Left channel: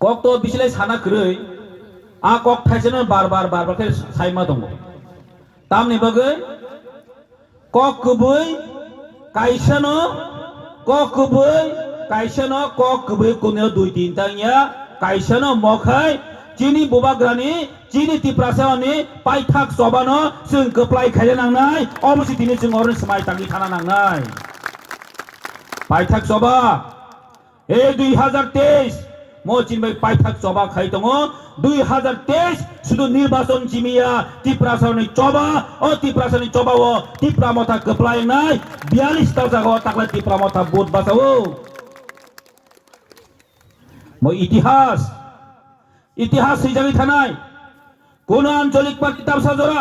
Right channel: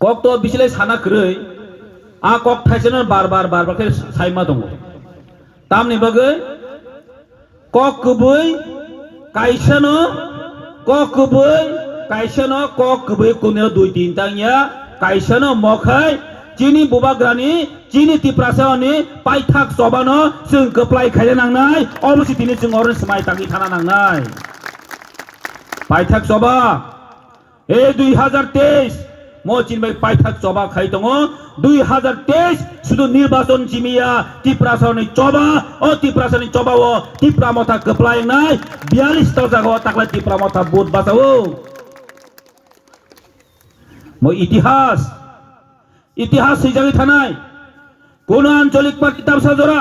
kok to bisilai sana krei a kok thaisana bar ke saima dong tamni bagai kok kubui kaisano kok kubui kunyo 2-3 tangnya kaisano mokhai chini bubagrani chini tiprasani paithak sobano sung keplai khaya nangnai obosi tini sung oron smai tangi thana nangnai paithak soba 2023 mo chinbai paithak soba khai tongo 2023 sudu nirbachon chimiya tiprasani choba o tiprasani choba o tipramotha keplai nai 42 ta jaga takla tipramotha bot basao mo ইতিহাস হিসাবে থানায় কোন আঞ্চলিক party তামসা জোড়া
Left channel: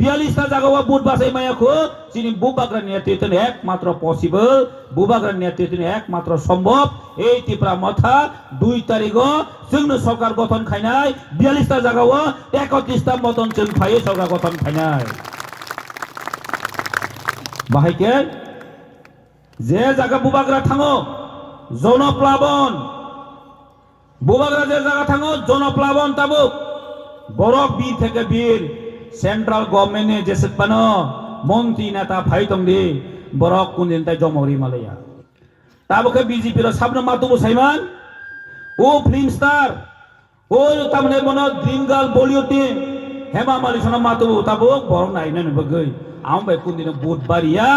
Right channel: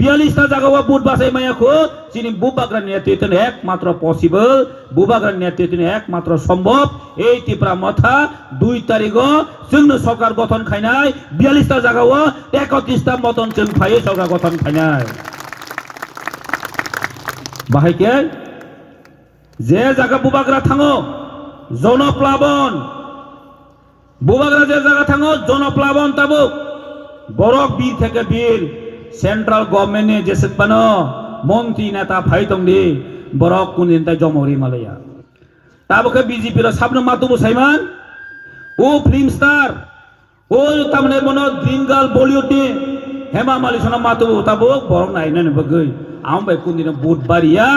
42 টা জায়গা বুট বাসাই মায়াখো যিনি বুবাগ্রার নেতৃত্বে একমাত্র পসিবল বুবাগ্রার নেতৃত্বে একমাত্র সম্ভব এই ত্রিপুরা মথা 2 তারিখ जोंनो সরকার গঠন খাইনাই 42 টা জায়গা 31 টা মতন जों খাই সরকার গঠন খাইনাই বাহাইকে যে জায়গা বুবাগ্রা থাঙো জনপ্লাবন বুবাগ্রা যে জায়গা থাঙো জনপ্লাবন তাবুক বরক বীর থেকে বীর সেন্ট্রাল গভর্নমেন্টে যেসেবানো মন্ত্রী নেতা ফাইতংদি বরক কোনদিন তাই জমরি মালায়া তাবুকে বিজেপির সামনে মাতুবু সাইমান ও ফিল্ম স্টার ও তামনে মনো ড্রিম গার্ল বলিউড হেমা মালিনী মাতুবু তাবুক বরক নাইনে বগৈ আমবাই কোনদিন বুট বাড়িয়া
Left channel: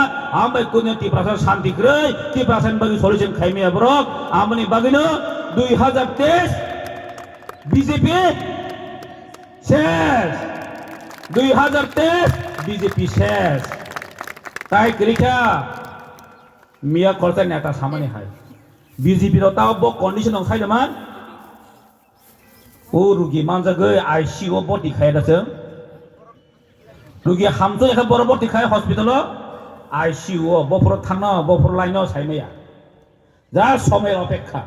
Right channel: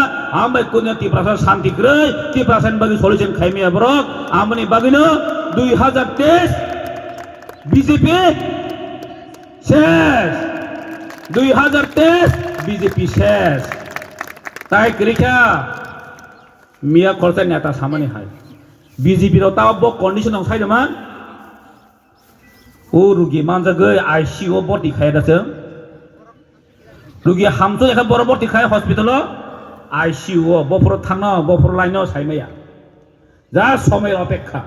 আমবাই কোনদিন ত্রিপুরা শান্তি গ্রই ত্রিপুরা বাগি সলিউশন খাইমিয়া বরক আমনি বাগিনো 2023 বিজেপি শেষ 2023 বিজেপি শেষ তাই করিকা মিয়া খরচা নেতা সামনে হয় বিজেপির তাও কন্ডিশন সাইদমান ও রুগী মানজাগৈ আইসিইউ বটি খাইদাছে রুগী হামতো এখা বড় বটি খাই হসপিটাল আইসিইউ বফর থানা বফর লাইন সাইমাইয়া যা সময়ের অপেক্ষা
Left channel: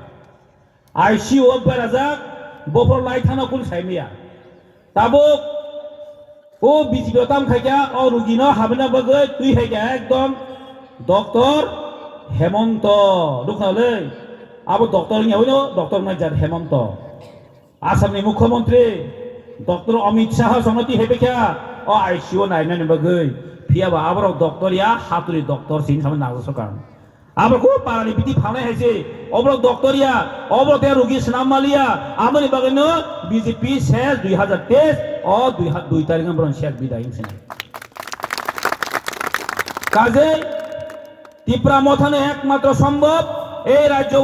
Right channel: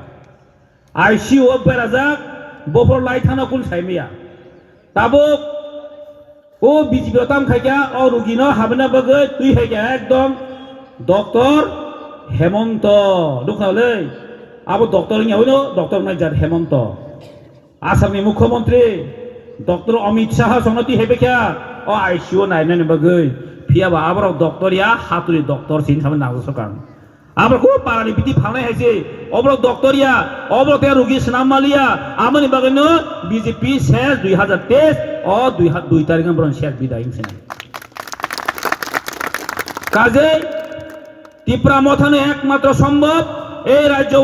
আইসিইউ বেড়াজাক বফর লাই থানা কোন সাইমাইয়া তাবুক ও বিজেপি তাম খাইকা ও রুগী হাবনা বাগৈ তুই খাইকা একদম ডক্টর হেমন্ত দুখালে আবু ডক্টর হইল ডক্টর নাইজার হেমন্ত আসামনি মুখ্যমন্ত্রী ডক্টর অমিত শাহ সংগতি হেবেকা ও আইসিইউ নাইনানি বাগৈ ফিয়াবা আবার ডক্টর ইয়া হাতুরি ডক্টর সিং সামনে নাগসো কারণ আবার খুব পারানি বিধি ফানাই হাইছে অবরক ডক্টর ইয়া অবরক রুগী স্নাম মালিয়া আমনি বাগৈনো বিজেপি শেষ 2023 ও 2 তারিখ বরং শেষ বিদায় হিংসে কাজে ত্রিপুরা মথানে একমাত্র সম্ভব এই রাজ্য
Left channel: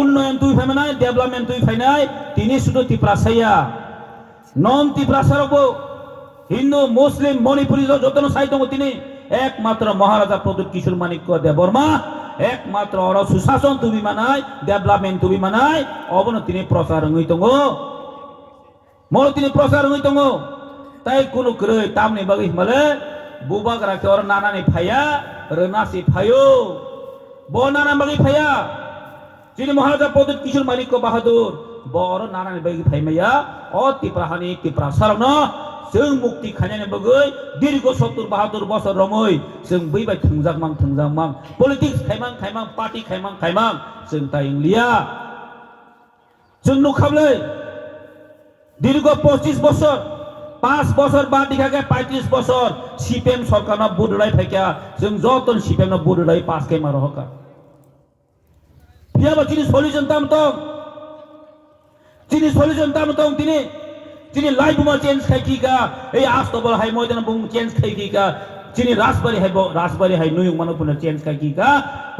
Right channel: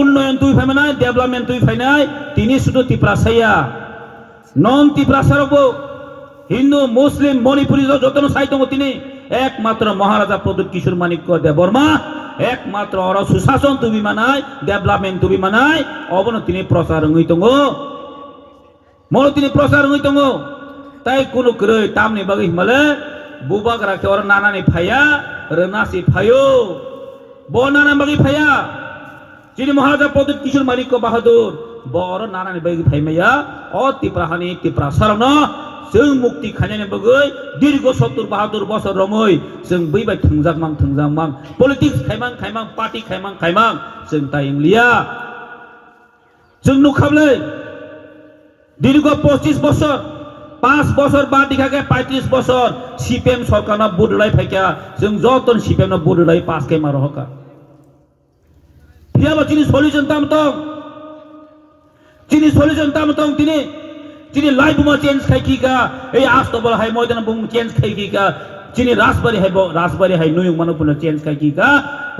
উন্নয়ন তুই ফাইমে নাই ডেভেলপমেন্ট তুই ফাই নাই তিনি শুধু ত্রিপুরা সাইয়া নন ত্রিপুরা সারব হিন্দু মুসলিম মণিপুরী যত সাহিত্য তিনি একমাত্র মহারাজা প্রদ্যুৎ কিশোর মানিক্য দেববর্মা একমাত্র অর সুশাসন তুবি মানায় ডেভেলপমেন্ট তুবি মানায় অবন তিনি প্রচার হইতঙ্গ মল তিনি প্রচার হইতঙ্গ তাই কোন ক্রয় তামনি বাগি হিমালে বুবাগ রাখে ওর নানানি ফাইয়া রনাসি ফায়ো বনানা বাগি ফাইয়া যিনি মহারাজা প্রদ্যুৎ কিশোর মানিক্য বাহাদুর বড় নানানি বাগি ফাইমাইয়া অ ত্রিপুরাহানি ত্রিপুরা সারন जों मुक्ति खायनायनि बगै दीर्घ 70-72 বছর रमै जों बैबाय थुंजागमां पलिटिक्स खायमां पार्टी खायमां जों ता इंलिया जों नुखाबले दीर्घ 25 বছর 5 বছর बाद दिखाके 35 বছর সিপিএম সরকারনা बुडुलाय फायका जों जतन सिपिएम बुडुलाय पास के मारो हका फियाबा चिनि सल्युशन तामतong चिनी लाइफ में चेंज खाई का ए आज तो बोला है मैदान बुम चेंज खाई का चिनी राजबारी है नुयुग मानो पुनः चेंज खाई का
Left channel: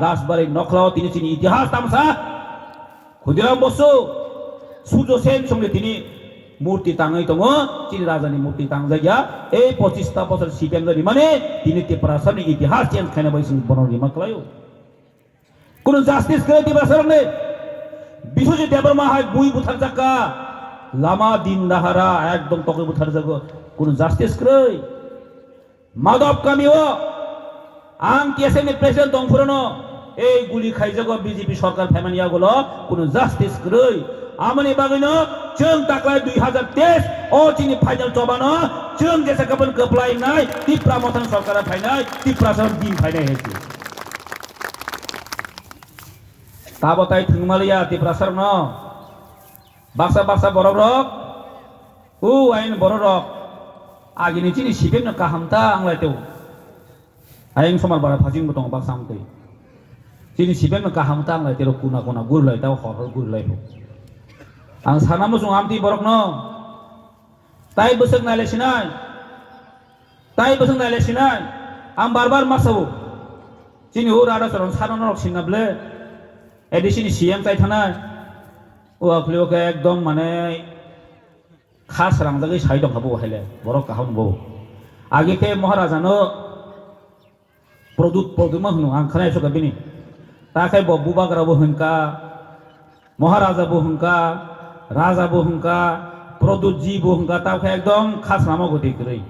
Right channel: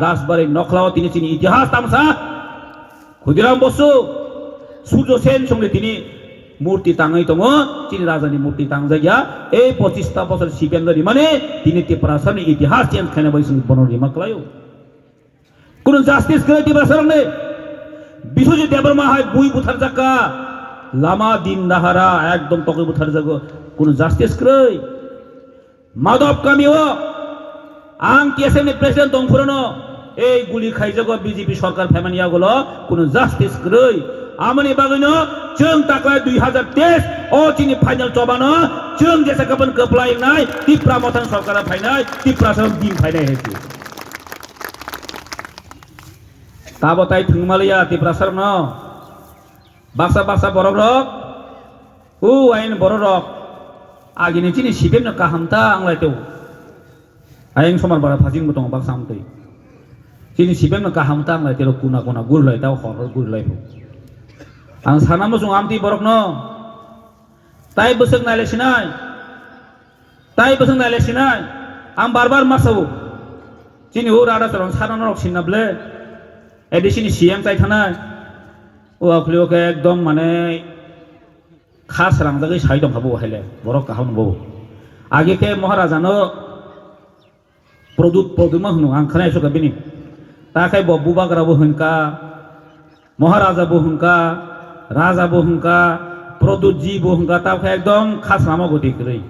राजबारी नखलाओ तिनी चिनी इतिहास तामसा खुदिराम बसु सूर्य सेन संगे तिनी मूर्ति तांगै दङो चिनी राजानि मूर्ति तांजाया ए 25 ता बছর सिपिएम जरि माने तिनी त्रिपुरानि इतिहास चेंज खायना बायसु बनरि मक्लायो कुन जस्टिस गय त्रिपुरानि बिश्वजित देबबर्मा हाय बुई बुथार जाका लामा दिन दाहारा एकदम तक बुथार जागो कुन जस्टिस क्रय माधव कामिओ आं टीएसएमनि प्रेसिडेंट दंफुरनो ए गुली खाइजागो बीजेपी सरकार फेमानिया गुलो कुन जस्टिस क्रय आमनि बागैनो जों ताकलाय 2023 ओ चिनि फाइनल चबानो जों जेसे गबन कप्लाय नाय त्रिपुरा मथन सरकार फाइनाय त्रिपुरा सम दिन फाइनाय हेति ताबताय थुंगमालिया Tripura सरनो baksa baksa borok rok ain borok rok agini chini sipem no kahamta anglai teu aing somar bara phajing botong baksa amtei chini sipem no kahamta anglai teu kuna kuna gurlai tau hor gurlai ang sana mo sung amti borok no tai beseng nale sinai ang barbar masau chini ur ada sorong sana rok sinable edisini CM tai thanai o akhliyo ke ekdom mane khas rangdagi sai dong habo hele borok kaham bo age ke maharaja no produma hnu ang khanai so kabini ta kai bo bubagra bo hunka maharaja bo hunka raja bo hunka produt ji bo hunka ta kai ekdom khas namo goti krei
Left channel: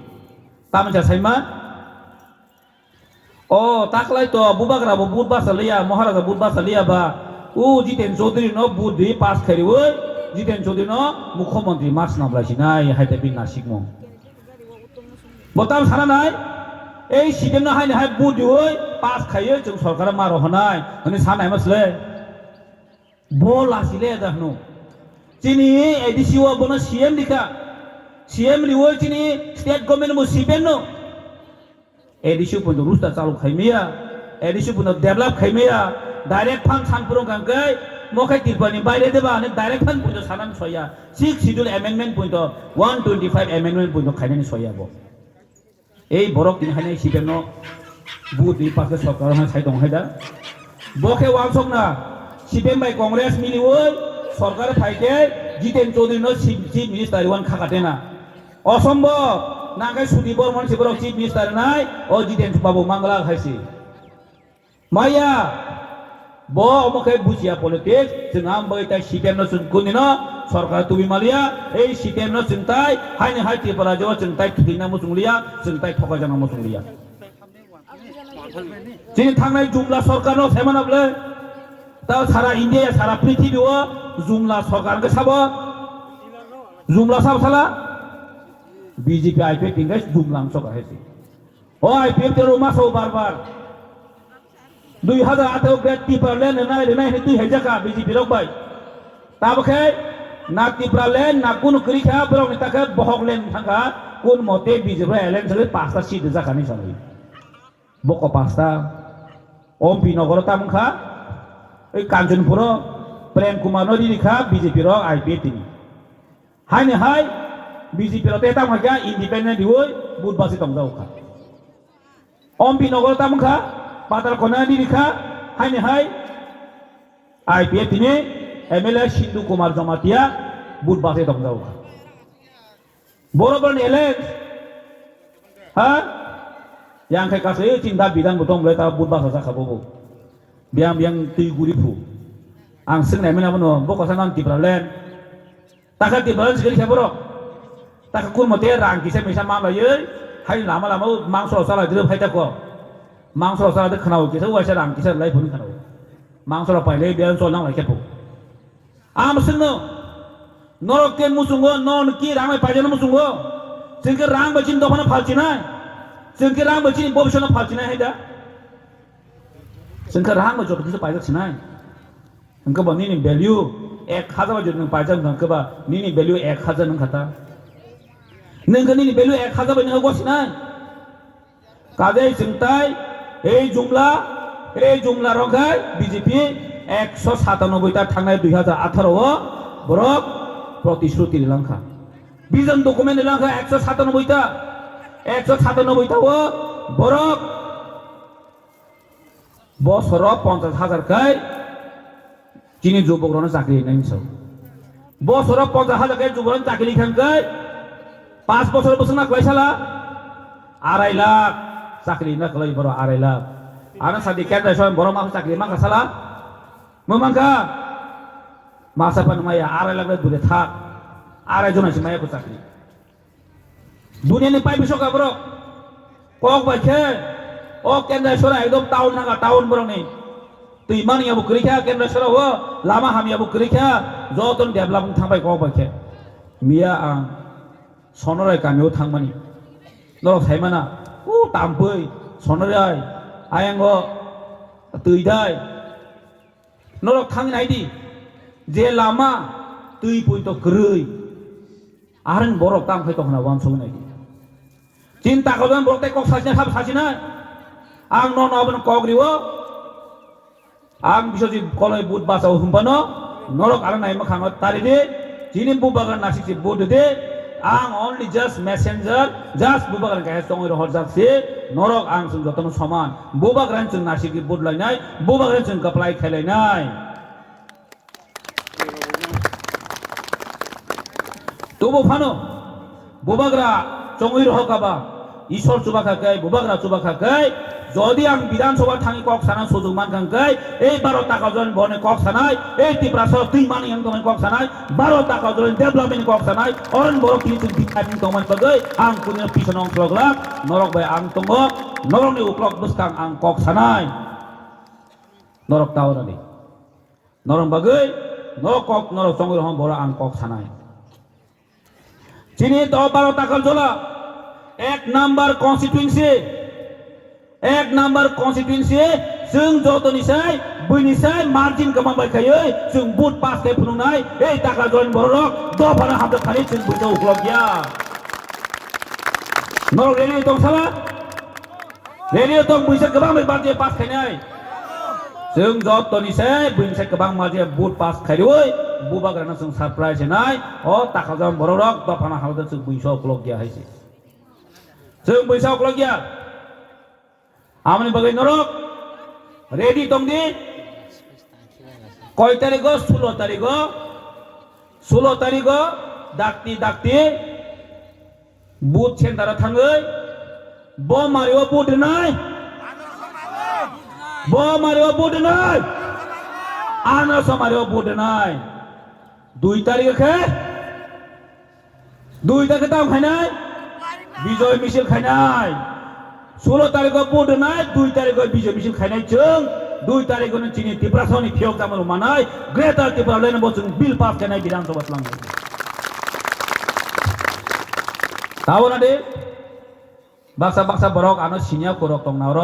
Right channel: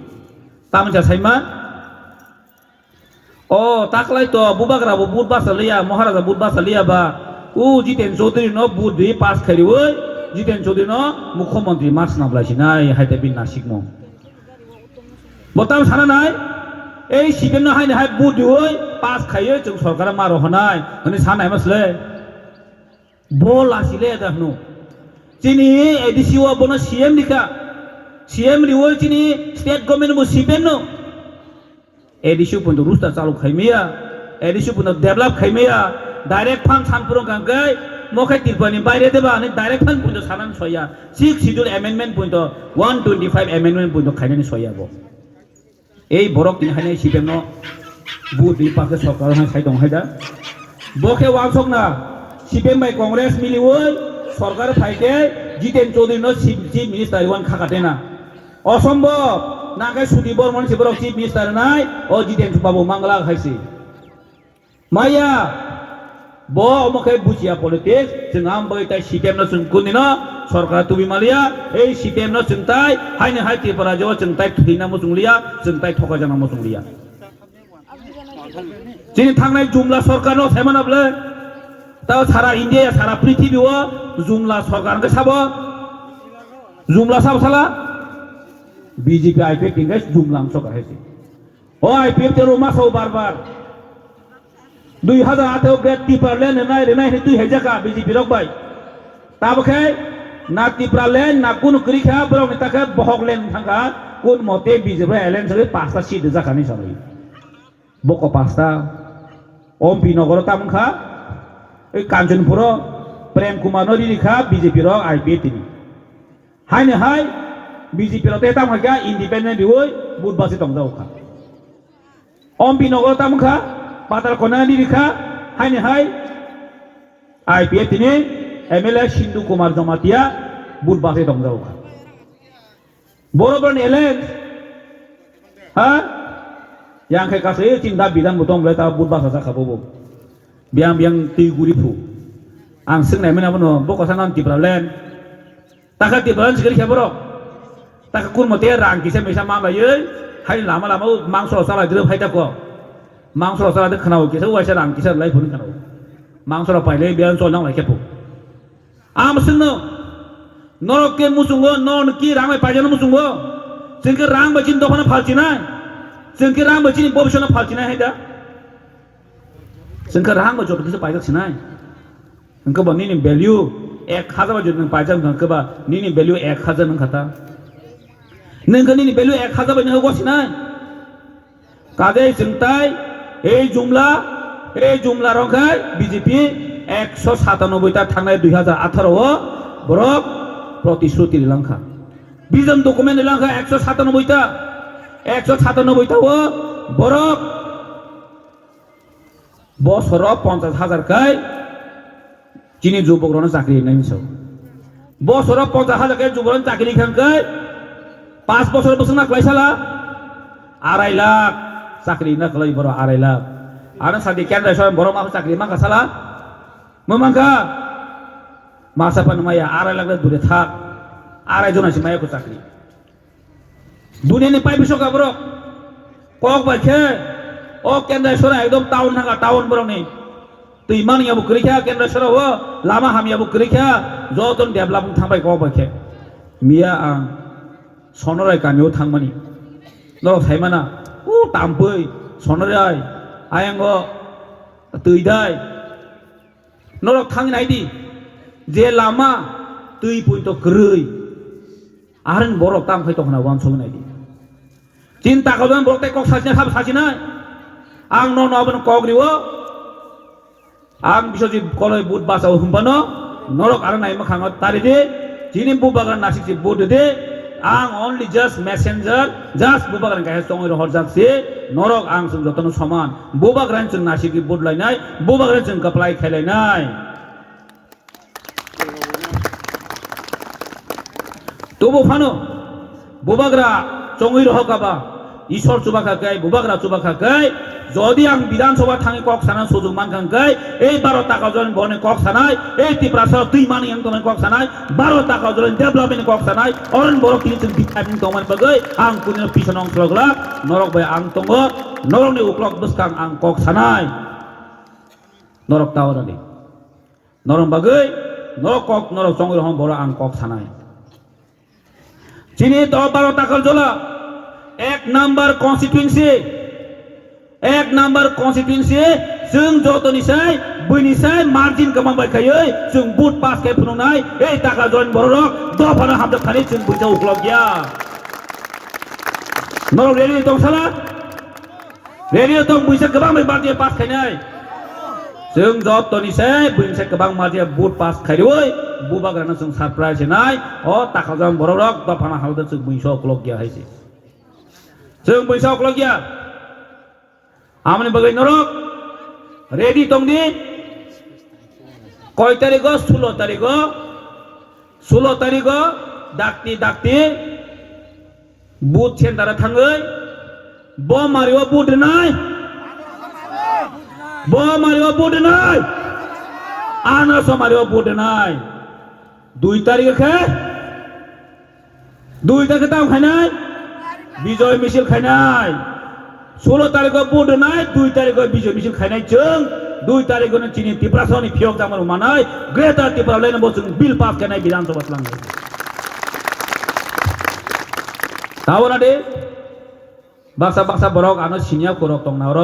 tamja saima o taklai to bubagra bo budba salia maharaja budba salia ba Jiten Chaudhary no budhi pass khari oi Jiten Chaudhary no mukhyamantri mas nablai sinai haite bin nasik mo botam sana nai ei sibem no haine hai budhi oi pass khaiye chung sarkar ma rohanai ani sanai masle bol asile dahno chini edisi wa bono CM dika CM liwoi chini state government mo sibem no edisi punto rusta chalu khaimia edisi punto develop khaimia direct fund sampurong kangkai mokai tirpani bayre deba ani direct fund punto sanan soya 6 schedule amendment punto 125 amendment punto khainani soya bo ei borok tin haine sibem no budi pakse sarkar na sai dong haida boke wangsok na sibem bai congress miliwol sarkar phaite Jiten Chaudhary no chief minister wan khakatena অসম্ভব না গাই সুদি Barman শিবরক chief minister নাই ও জিতেন বাবু মাংলা খাইছি মাইয়া ব অমকে বুঝিয়া politics जों आम बै ताइ सिटेम न जों कुनिनो सरकार तुबि मालिया এই सिटेम न जों ताइ हाइने हाइ त्रिपुरा जो जों ताइ थैना मो जोंलिया जों ताइ थका जाना मो जोंलिया जिनि थांनाय जुमला सरकार न थाइमानाबले ता सारा इन्डिया सारा पृथ्वीयाव जुमला सरकार के साबो जुमला साब साला बीजेपी आईपीएफ tinggal jumlah सरकार है ओ आईपीएफ तेरो मासो बार-बार 2018 ग्रेड टिपारलेन नाय रेनाय हे 2000 का बीजेपी रक बाय ताबखे ना टिपारलेन ना कुन क्रिखा ब्रम ताके बहकलेन थांगा कुन मते बीजेपी एलेन सरे पांचटा सीट जाखानि सबै बको पांचटा ओमपी नगर तामखा ए कांचनपुर प्रेम कुमार नरिखा बीजेपी रक आईपीएफ तिनि हायने हाय बीजेपी रो तेता मागा इंडिपेंडेंट होय बुधबासी तंगजाव खा ओमपी नगर तामखा पाताल कोना निरिखा हायने हाय आईपीएफ तिनि एमएलए सिंधु कुमार जमातिया बुधबासी तंगजाव खा बरोबर एलेन हा यांखे कासे चिंता बिदान बुतम लेता बुधबासा जाखाबो बियां बियां तिगुरिफु आं सोंनाय मोनाबो बको सांगाम तिब्रालेन ताका तिब्रालेन सिगरि खेबरो ताका कुन मते रां किसे मैसा माबायै हाय लामा लामा मांसो साला द्रो फायदाको मांसो साला दे खनाव किसे वाइसा रां किसे लाइ फुन खनाव मांसो पाइले बियान सो नांलाय खेबो आम सोंनो नरके मुसुंगो नन कि रां पाइजानो मुसुंगो जोंके रां बाचिन दफाना फालचिनाय जोंके रां बाचिन भविष्यनो फालचिनाय हायदा जोंके रां बजत किसे पाइजासिनाय जोंके बनिनि भ्यालु 1000 बजत पाइजान जोंके निनि भ्यालु 1000 नंखाता नोंगोनि भ्यालु 1000 बायनो होगसिनाय कागे जोंताय ए जुमला रंगाय बीजेपी 197 ता थांनाय 2018 आव बरक प्रतिश्रुति लंखा बिजन डकुमेन्ट लंखा 197 ता 197 ता बरक बसर 50,000 काय जिनि जुबकरनो चाकरि नाइनसो बसर 50,000 काय जुबकरनो चाकरि खानकाय 5 বছর বছর না কইছালা 2.5 লাখ চাকরি না কলাই বড় 2.5 লাখ আর সাদি কেন্দ্র সরকার বড় মাস চাকরি মাঙ্গা সালা মাঙ্গা মাসা পান মায়া 2.5 লাখ দূরে থাক 2.5 জন আছে মায়া কো চাকরি দুনিয়ানি পাই বিশ্বকা বড় কক বাইছে ও কেন্দ্র সরকার একদম টাউন নাগা টাউন বড় নেই তুই মানিয়া বুকরিখা কেন্দ্র সরকার ও লামা হামিয়া বুকরিখা যতন ডেভেলপ থাবাই কক বাইছে মিয়া আं सनराय गामियाव थांमानि नरक थाइमाना ताम्पै सनराय आयांग तैदाय नरक थांनायदि जे Lama tui pun to kerui aran borok tam khai tong na wan so nai cinta kau dan borok te kok sajina thap sajina ang no no ban kok riwo ang bisojit koloi but basa humpano norok aran nai makhang tari de jinim bubagan nasik si bod de ang only just messenger just bubagan kaya songoi rohor jak si norok ang sung jotono saman bubagan chung nasik ki bod lai nai bubagan chung kaplai khelai nai tobo phano bubagra chongoi rohokaba ishor chubakhakai bubagra chubakhakai যদি আং বিধানসভা Than cock সানা সুযোগ মানখাঙ্কাই এই 12 টাকা জন বনে cock সানাই এই ত্রিপুরা দুই মানি আং তমান কক সানাই 12 টাকা জন ডেভেলপমেন্ট কক সানাই অরন বড় তিনি চুন বিকাবিন তমান বাগৈ আং কুনি পিছন অংশগ্লা নরক বাই আং তঙ্গ নরকনি উক্লক বসকাং আং কক সানাই নরক তাওরানি নরম বাগৈ নরক কক নরক চঙ্গল হম বড় আং কক সানাই চিনি তো 12 টাকা জলা এক নাম্বার কনস্টিটিউয়েন্সি एक नंबर कॉन्स्टिट्यूएंसी जों जतनिसाय बैनिसाय मार्जिन गोबां बायखायो जों बुट पास के फुनुनाय ए टाका जयन बररक दफाना हामदो खालि जों बुटआव उख्लब गया नर रेडियो दं साला रेडियो दं बैसा गोबां मार्जिन पास खायनाय जों जतनिसाय बैनिसाय गोबां मार्जिन बुट पास खायदोय बुबाग्राना जों सरप्राइज होनाय अ टाका जयन बररक दफाना हामदो जों बैसा उख्लब गया हायसे जों बैसा उख्लब गया आमने बगै नरक रेडी तंगदी कय तारिख 16 तारिख डाक्ति बुथ सेन्टारा थाङै ब मारिवा बुथ नाय आनास मारिवा बुथ नाय 2 तारिख ताव खायनाय विजय मिছিল खायनाय 16 तारिख बुध नाय 2 तारिख विजय मिছিল खायनाय जों 2 तारिख नो चिनि त्रिपुरासनि फियक जामान मानाय ग्रेटर त्रिपुरा लेन बो जों बिल पास खायनाय विधानसभा लांगो तावना दे बाक्सा बरक आनो सिनिया करक तंगना र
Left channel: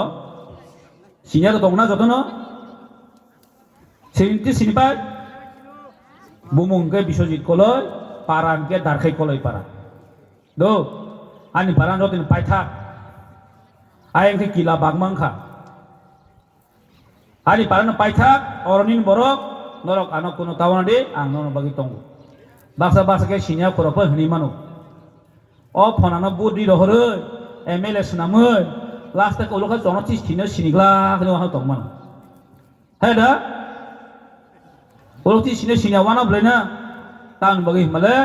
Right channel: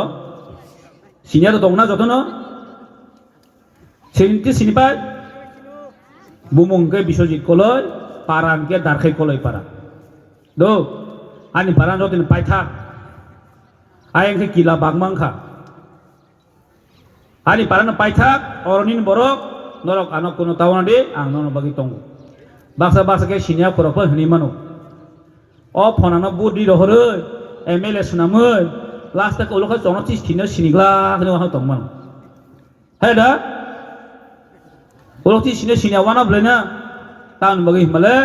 सिनिया तो तंगना जतनो सिनिबाय बुमुंगे बिश्वजित कलय पारानके दारखै कलय पारा दो आनि पारान Jatin पाइथा ayang ke kila bagmangka ani parana paithak oronin borok norok anok kuno tawana de ang nono bagi tongo baksa ke sinya korok hni mano o phonana budi rohore mla sunamoi last tak ulokha jonotis thino sinigla hne wa tongman heda ulokti sinya wana blena tan bagi male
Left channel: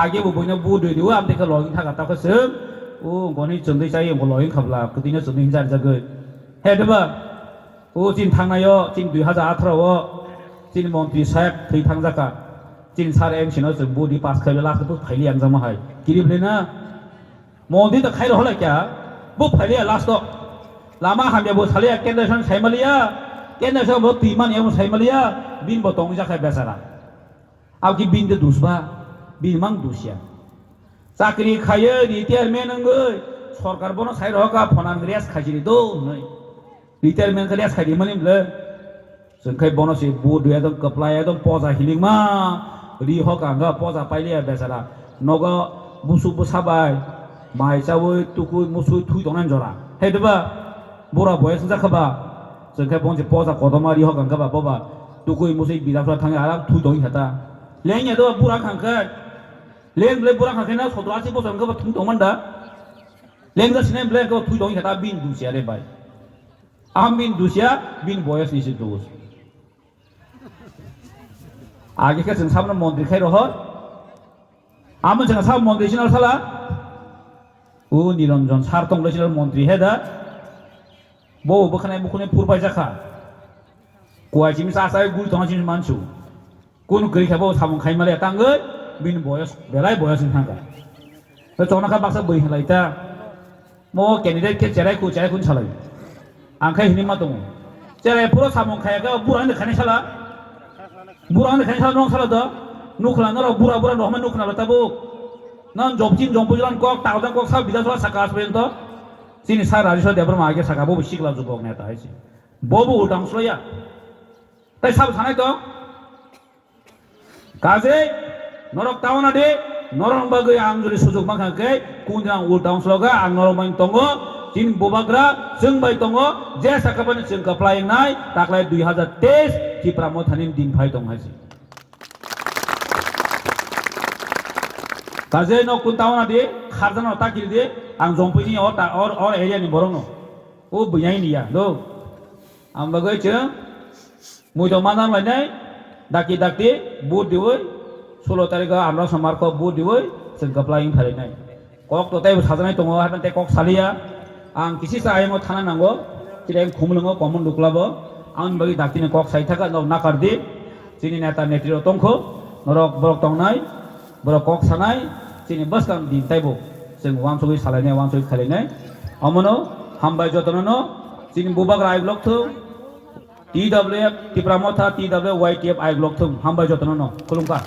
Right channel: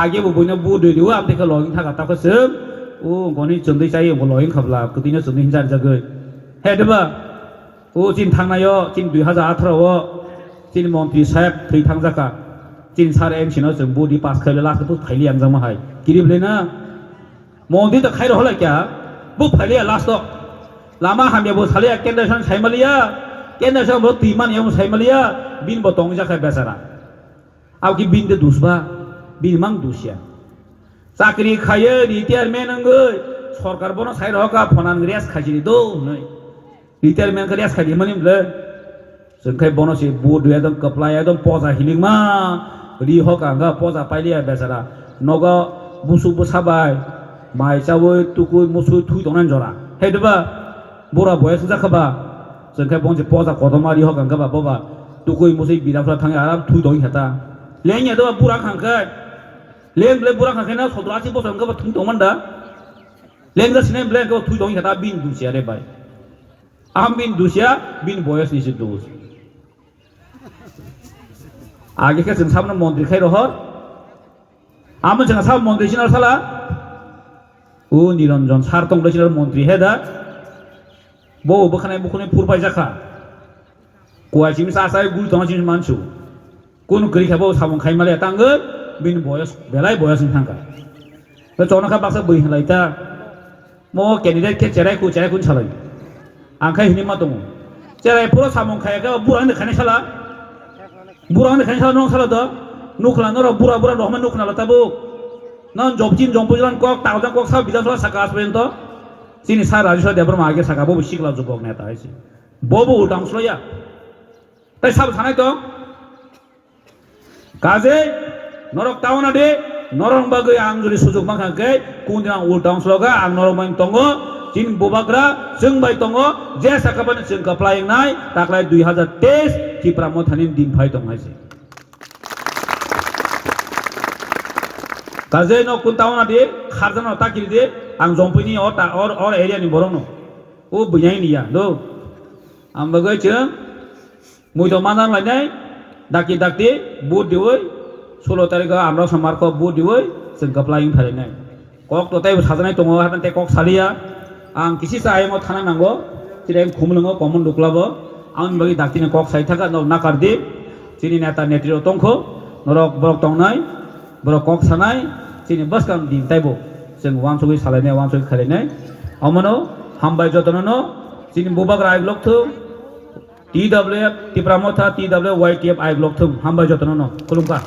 age bu boina budi diwa amte ka login thaka ta ka sem ओ गनि चंदै जायो बलहिन खाबला कदिनो चंदै हिंजार जागै हेदबा ओ जिन थांनायो जिन 2018 ओ जिन मन्त्री साहेब थै थांजाका जिन सार एमसिनो जों बडि पास खायले लाखो फाइलि आंजा माहाय गिरिबलेना मन्त्री त खाइरो होला क्या बु फाइलि लास्ट लामा हामिया बु साले केन्द्रसन साइमालिया केन्द्रसन बु तिमान यम साइमालिया बिन ब तंग जाखा बेसारा आव कि बिन दे दुसबा बिन मां दुसिया चाकरी खायो रिटायारमेन्ट नंगै सरकार बनो साइ रहका फनान रेस खाजिनि दो नै रिटायारमेन्ट रेस खाजि मनिमले जोंखाय बनो से बुद एकदम कपला एकदम पजा हिलिमा रि हका गा पजा पाइलिया बेसारा नगा बुसु बसाबाय माइ जावै तुकु मुसु थुइ दंनान जरा हेदबा बरा बयस जाखाबा जोंखाय बनसे पजा कदमारि हका गा बाबा तुकु मुसु बिराफ्रा थाङै आराम थुइ दं हेता लेङे दो बुरा खांखाय लें ब्ले बुरा खाखैना 17 बोसोर गबा थुं दंमोन दा लें गसिने ब्ले गो थुइ दं हेता बिन दुसिया रे बाय आम बिन दुसिया बिन बयस निसि दुस आगे के जों सामने मन्त्रि खाय रहर आम जों साब मन्त्रि सिनार साला ओ निरंजन सार तंग सिनार मन्त्रि हेदा बो बखनाय बखने फुरबाय जाखा कोआसिम सासाय गुल तंसिम मानसु कोन गै खाबो सामं खायमाले तांगै बिन बयस बेलाय बयस थांगा तो चौनाखा बाक्सा बैहलायता म कैंडिडेट के चेराय कुन सालाय आंखाय हिनि मा दङ चेराय पुरो सामं खायाखा बुरानो खानाय साला नं साला द नुखला नर बुरा रहमान नुखना लताबो नन जबजिन जम्पुजन कक तावदा कक सा बिधानसभा साकास बेंत सिनि सा राजेश्वर देब्रमा आगे साका बो सिगला जुगक नेता हायसि बबो उदांस्लया ताय साब थानाय दं काजे norok tawana de norong bagai ang juri sujug manghakai kunjang utang sloga ang norong main tongo tin bobagra jeng bai tongo je sakaban jeng kaplai nai taklai 2023 tipra mothanin din phai tong haise kaje no kuntawana de kharjana takiri de ang jompini or area ni borono o buyai ni ya do ang bagai jeng muito manang lainai daki dakti bud dioi 16 tarik আমরা সমার্ক বু দিবই जों কাপ্লাইং ফারিनाय cock ততাই সাজানাय दङ हाबते कक सालिया आं किसि सायमो थाना नांगौ जिरे खुमलङो कमन दुक्लाबो आं बगि दाकिने कक साइ थाका नाकारदि जिनि नेता नेत्रिरो तंखो नरक बरक तंनाय बरक कक सानाय जिनि बसकाम दिन ताइबो जों वानसुगि सालायनाय वानसुगि खालायनाय अमनो हामबाय जतननो जिनि बुबाग राय ब्लक थु TWF Tipramotha TWYTF आइ ब्लक थु हामबाय जतननो खुलुमका